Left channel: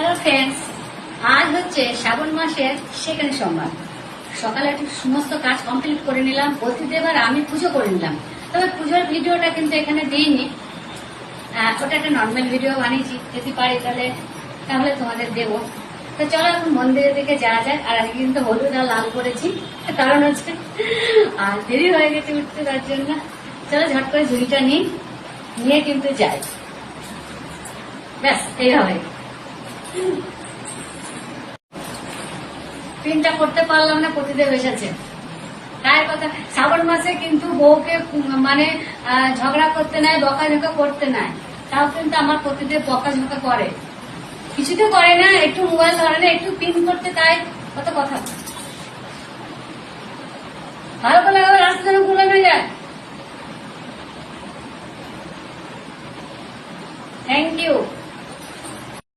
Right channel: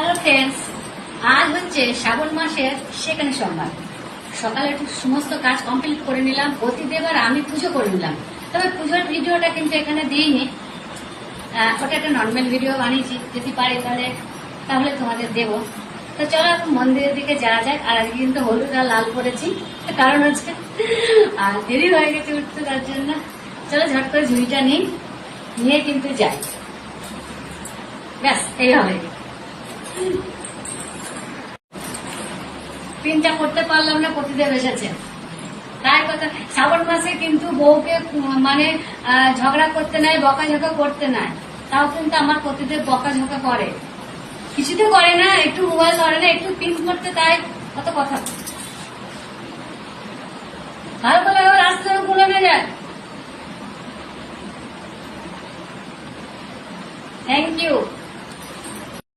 Hello friends, আজ হচ্ছে শ্রাবণ মাসের সেকেন্ড সোমবার। সকালে একটু সমস্ত কাজ কমপ্লিট করে নিলাম, প্রতিদেব আর আমি পুজো করে নিলাম। তবে পুজোর ভিডিওটা কিন্তু এখানে দিইনি, ওটা একটা নর্মাল ভিডিও বানিয়েছি। যদি পারি তাহলে তোমাদের দেবো। তো চলো এখন মন্দিরের দিকে যাওয়া যাক। আর আজকে কিন্তু হলুদ আর লাল করেছি, কারণ হচ্ছে আর দেরি হয়ে গেছে উঠতে, তার জন্য। চলো ঝট করে ঝুড়িটা নিয়ে কিন্তু যাই। ব্যাস এইভাবে পিনটা করতে পারলাম না, প্রতিদেব এসেছে। তাই কথা, শ্রাবণ মাসে কিন্তু বউকে মানে ঝগড়া করতে নাই, বকাঝকা করতে নাই। তাও কিন্তু আমার প্রতিদেব বকাঝকা করে, কিছু তো করে না, একটু মোবাইল ধরে না, একটু পিন করতে, তাই কত কথা। ভালো করে রাস্তা যেন ভুলে না যায়। Thank you.